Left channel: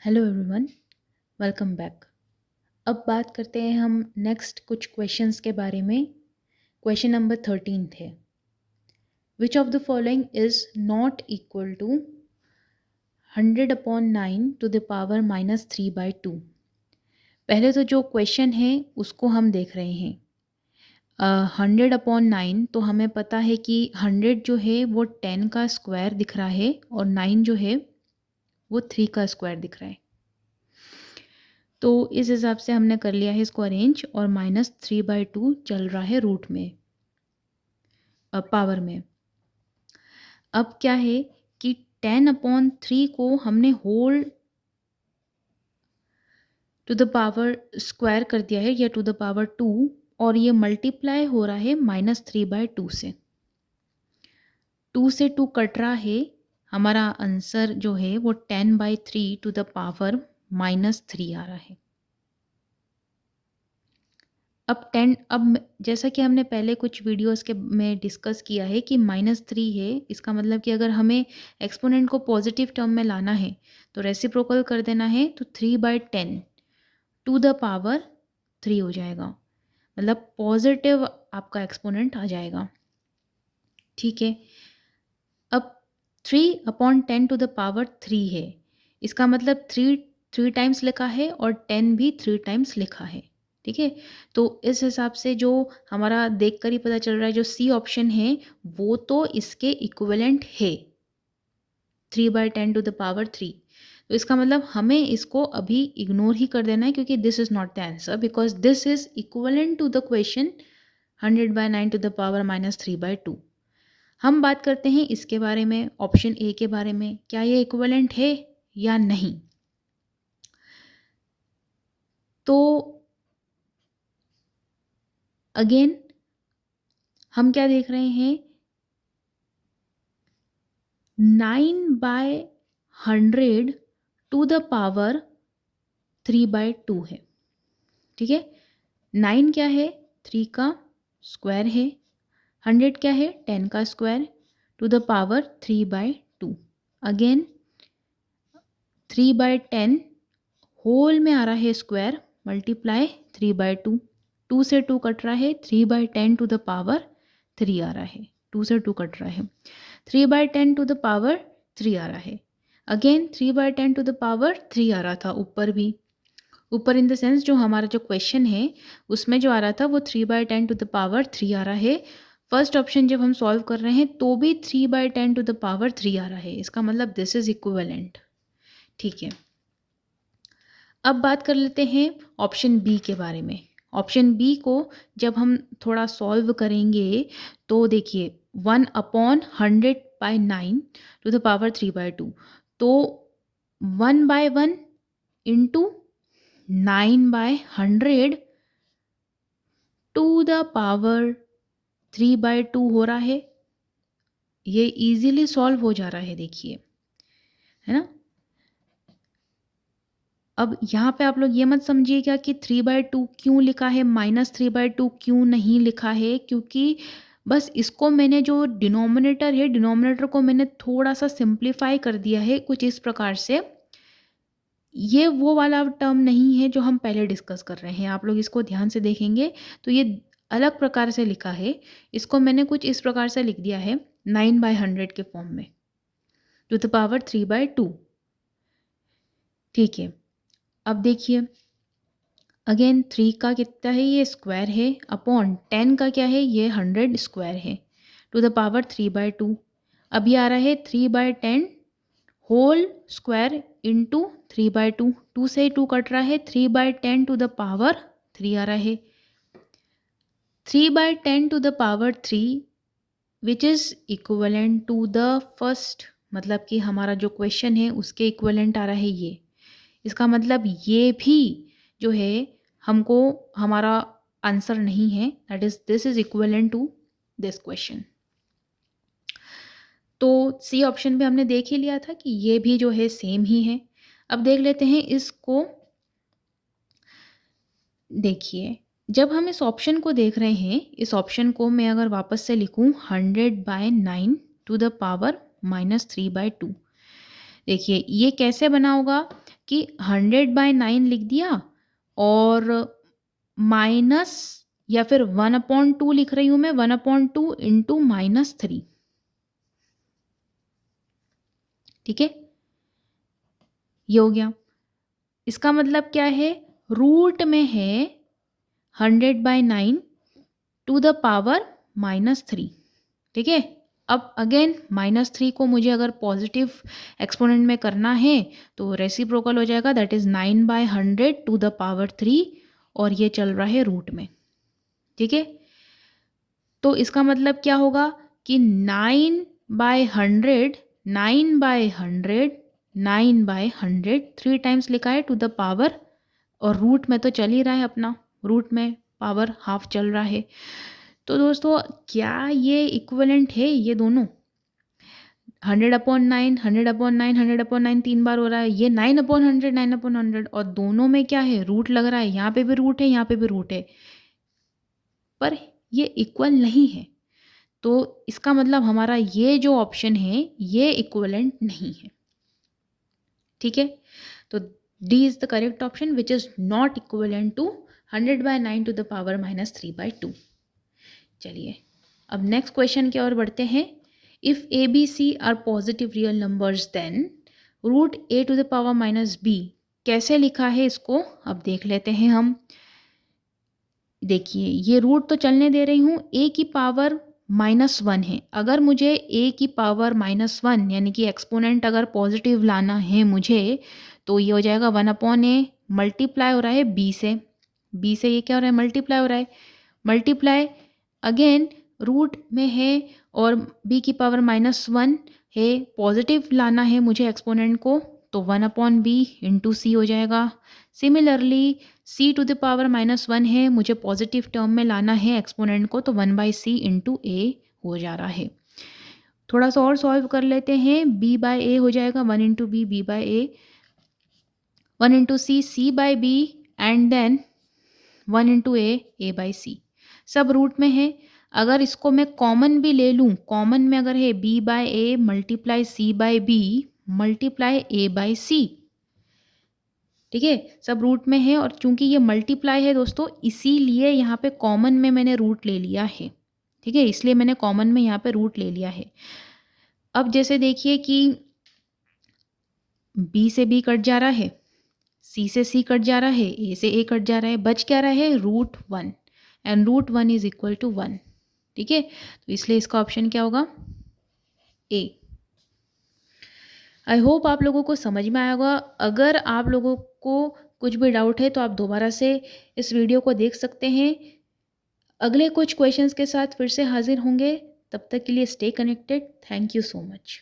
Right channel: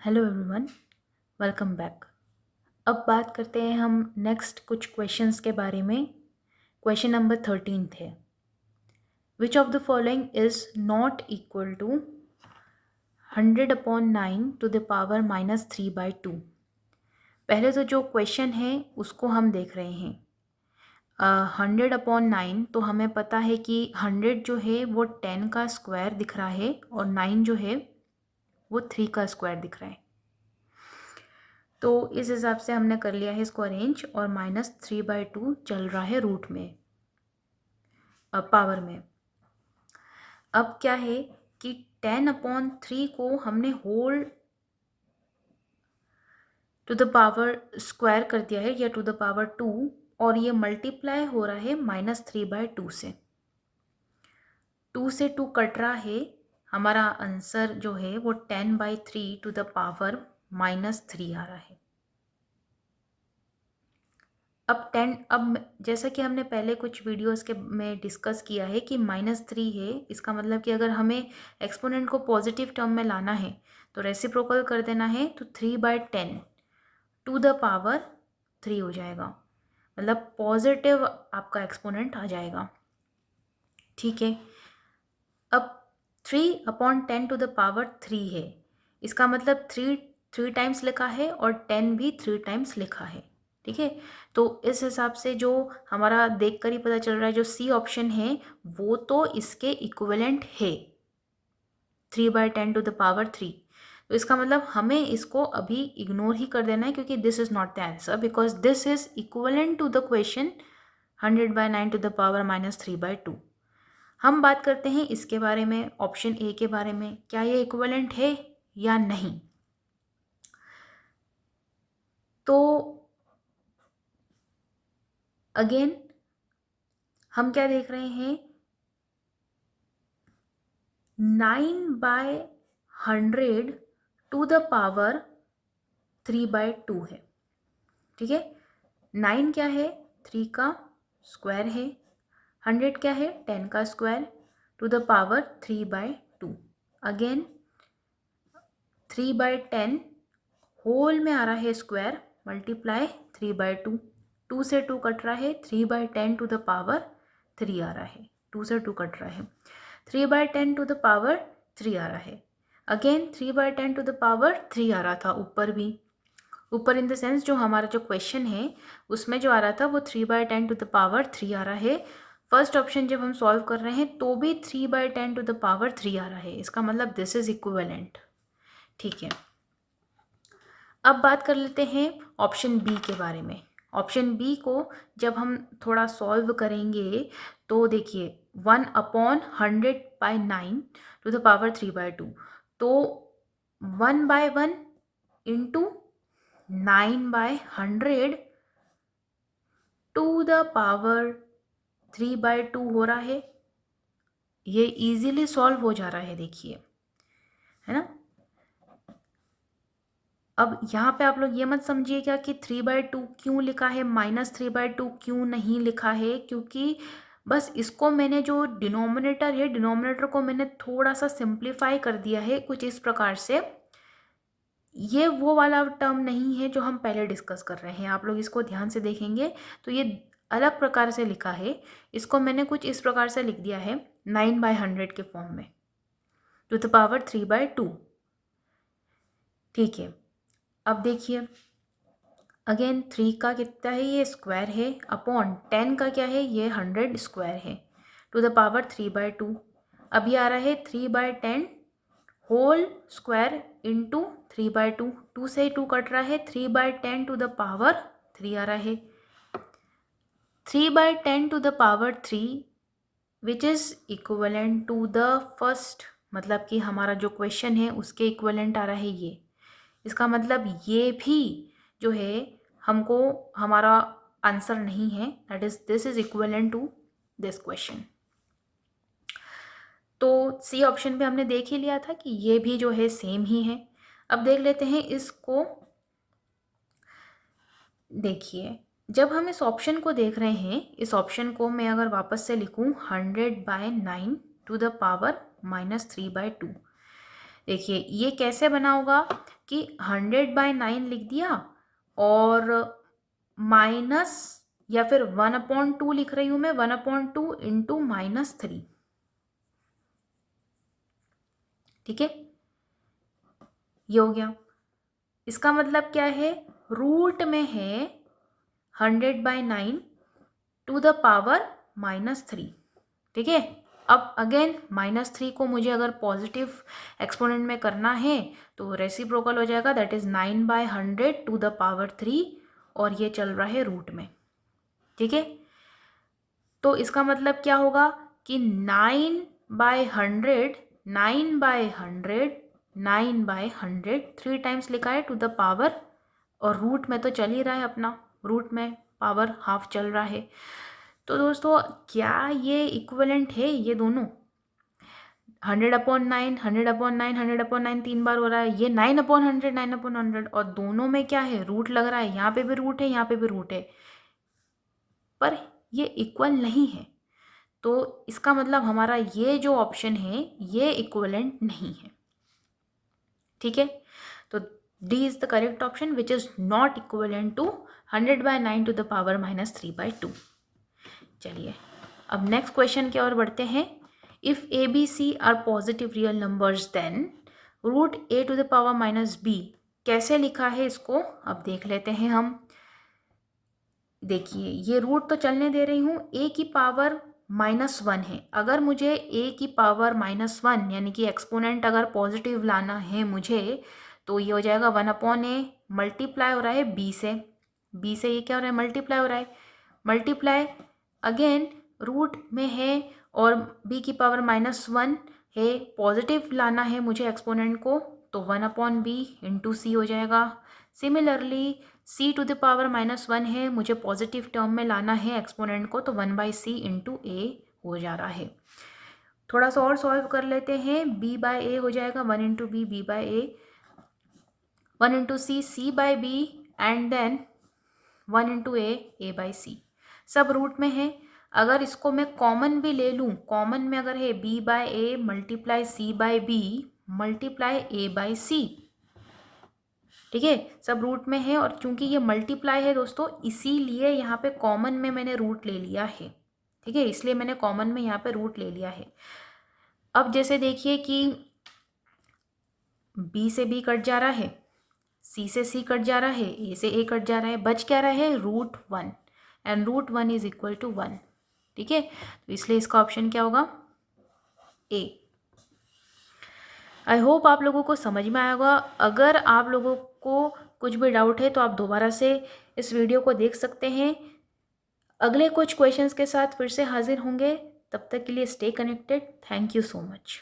Hello everyone, welcome back. अब बात करते हैं हम नेक्स्ट कुछ क्वेश्चंस के बारे में। क्वेश्चन नंबर 13 थे, which of the following is not equal to 100/9 to the power -3/2। पहले तो जो क्वेश्चन है उसको हम देख रहे हैं। 100/9 तो हमें पता है कि 100 जो है वो 10 का स्क्वायर दिख रहा है और 9 जो है वो 3 का स्क्वायर दिख रहा है। तो इस हिसाब से हमने कर लिया है इसको अरेंज और -3/2 चल रहा है रूट में, पावर में। अब क्या है कि 10/3 को हमने whole to the power square कर दिया है या टू द पावर 2 और ये मल्टीप्लाई हो रहा है -3/2 से। 2 से 2 कट रहा है, हमारा आंसर जो है वो 10/3 टू द पावर -3 आ रहा है। अब जैसा कि हमने पहले कुछ वीडियोस के में डिस्कस किया है कि -3 है, इसका मतलब कि अगर हमें एक्सपोनेंट को पॉजिटिव टर्म में लाना है तो रेसिप्रोकल कर देना है, तो 3/10 टू द पावर 3 हो जाएगा, मतलब पॉजिटिव आपका एक्सपोनेंट आ जाएगा। ठीक है, अब 3/10 टू द पावर 3 है, इसका मतलब 3 टाइम्स लिखा है और 10 भी 3 टाइम्स लिखा है। ठीक है, तो इस हिसाब से जो हमारा देखकर ही पता चल रहा है, जो सी ऑप्शन है वो तो इसके इक्विवेलेंट है, 3/10 टू द पावर 3। तो इसका मतलब हमें इसको अभी इग्नोर ही कर देना है, क्योंकि this is not the answer, because this is equivalent to the question 100/9 to the power -3/2। हम बात करते हैं इसके बारे में, ऑप्शन ए के बारे में, क्या ये इक्विवेलेंट है या नहीं। तो अगेन हम क्या देख रहे हैं, 9/100 टू द पावर 3/2 है। ठीक है, 9 क्या है, 3 का स्क्वायर है, 100 क्या है, 10 का square, to the power 3/2। Again 3/10 whole में आ रहा है स्क्वायर, मल्टीप्लाई 3/2, 2 से 2 कट रहा है, 3/10 टू द पावर 3 आ रहा है, 2 से 2 कट रहा है, 3/10 टू द पावर 3 आ रहा है। अगेन 3/10 टू द पावर 3 आ रहा था ऊपर भी, ऊपर इन द सेंस जो हमारा जो क्वेश्चन है उसमें जो आ रहा था वो 3/10 टू द पावर 3 आ रहा है। फर्स्ट ऑप्शन जब हम सॉल्व कर रहे हैं तो भी 3/10 टू द पावर 3 आ रहा है, इसका मतलब दिस इज इक्विवेलेंट। ठीक है, अब बात कर लेते हैं ऑप्शन बी के बारे में। ऑप्शन बी को जब हम थोड़ा सॉल्व करेंगे तो देखिए 1/100/9 टू द पावर 3/2, तो 1/1 इंटू 9/100 टू द पावर 3/2 हो रहा है। ये इजीली सॉल्व हो जा रहा है, देखिए, है ना। अब यहाँ पे आप लोग ये मत समझिएगा कि 3/2 क्यों लिखा है, -3/2 क्यों नहीं लिखा है, क्योंकि बस इसको मैंने जो डिनोमिनेटर है, डिनोमिनेटर को मैंने थोड़ा सा सिंप्लीफाई कर दिया है कुछ इस प्रकार से। ये वो वाला टर्म नहीं है जो हम पहले डिस्कस कर रहे हैं, आप लोग इसको ध्यान से देखेंगे तो ये अलग प्रकार से लिखा है। इसको मैंने कुछ इस प्रकार से लिख दिया है 9/100 के फॉर्म में, टू द पावर 3/2। ठीक है, अब देखिए अगेन 3 का कितना है, ये स्क्वायर है, अपॉन 10 का क्या है, ये 100 स्क्वायर है, टू द पावर 3/2। अब ये आ रहा है 3/10 होल स्क्वायर इंटू 3/2, 2 से 2 कट रहा है, 3/10 टू द पावर 3 आ रहा है, 3/10 to the power 3 which is equivalent to the first, मतलब कि हमारा जो क्वेश्चन है उसके इक्वलेंट आ रहा है ये। इसका मतलब ये भी जो है हमको हमारा आंसर नहीं है, that is this is equivalent to this question. तो सी ऑप्शन पे हमने देख ही लिया था कि ये भी जो है सेम ही है। अब देख लेते हैं इसको। देखिए जब हम इस ऑप्शन को देख रहे हैं, इस ऑप्शन को मैं अगर वापस से लिखूं 100/9 टू द पावर -3/2, देखिए ये कैसे बना होगा कि 100/9 लिख दिया और माइनस या फिर 1/2 लिख रही हूँ मैं, 1/2 इंटू -3। ठीक है, ये हो गया। इसका मतलब क्या है, रूट में है 100/9 टू द पावर -3। ठीक है, अब अगेन -3 को मुझे अगर पॉजिटिव एक्सपोनेंट में करना है तो रेसिप्रोकल हो जाएगा, that is 9/100 to the power 3 और ये चल रहा है रूट में। ठीक है, तो इसका मतलब क्या होगा कि 9/100 9/100 9/100 3 टाइम्स लिखा है टू द पावर, और रूट में तो चल ही रहा है अपना, रूट में पावर हाफ चल रहा है। तो दोस्तों क्या ये इक्विवेलेंट है, ये दोनों 100/9 100/9 100/9 3 बार हो रहा है, ये 9/100 9/100, और दोनों में क्या है, रूट लग रहा है, यहाँ पे भी रूट है, यहाँ पे भी रूट है, पर ये इक्वल नहीं है। तो इसका मतलब हमारा ये जो ऑप्शन है ये इक्विवेलेंट नहीं है। ठीक है, तो D is the correct option which is not equivalent to 100/9 to the power -3/2। चलिए अब नेक्स्ट क्वेश्चन की ओर बढ़ते हैं। If A B C are positive real numbers then root A to the power -b, कैसे लिखा है इसको अब देख लेते हैं हम। देखिए ये रूट तो चलने दे रही हूँ, ए की पावर -1 है, अगर मुझे ए की पावर -1 यानी कि एक्सपोनेंट अगर पॉजिटिव लाना है मुझे, तो ये हो जाएगा 1/a, मल्टीप्लाई हो रहा है b से ये क्या हो रहा है, मल्टीप्लाई हो रहा है, मल्टीप्लाई अगेन रूट में है और b की पावर -1 है, पॉजिटिव लाना है मुझे एक्सपोनेंट को, तो 1/b इंटू सी हो जाएगा। Similarly c to the power -1 है, मुझे पॉजिटिव टर्म में लाना है एक्सपोनेंट को, तो 1/c इंटू ए हो जा रहा है। थोड़ा सा और सॉल्व कर लेते हैं, b/a हो जाएगा 1 into B, b/a, 1 into C, c/b, and then 1 into A, a/c। सब रूट में है, अगर इसको मैं कॉमन भी ले लूँ, कॉमन में अगर है b/a multiply c/b multiply a/c। ठीक है, सब रूट में है, और चूंकि ये मल्टीप्लाई है दोस्तों, इसीलिए यहाँ पे कॉमन में मैंने रूट ले लिया है। ठीक है, इसलिए मैंने कॉमन में यहाँ पे रूट ले लिया है। अब जैसे देखिए कि b से b कट जा रहा है, c से c कट जा रहा है, a से a कट जा रहा है, बच क्या रहा है, √1, एंड √1 इज इक्वल टू 1। ठीक है, तो इसलिए इसका ऑप्शन क्या होगा, ए। आई होप आप लोगों को समझ में आया होगा। अगर आप लोगों को कुछ भी डाउट है तो आप दोबारा से इस वीडियो को देख सकते हैं। अगले कुछ क्वेश्चंस के साथ फिर से हाजिर होंगे, तब तक के लिए stay connected. Thank you so much.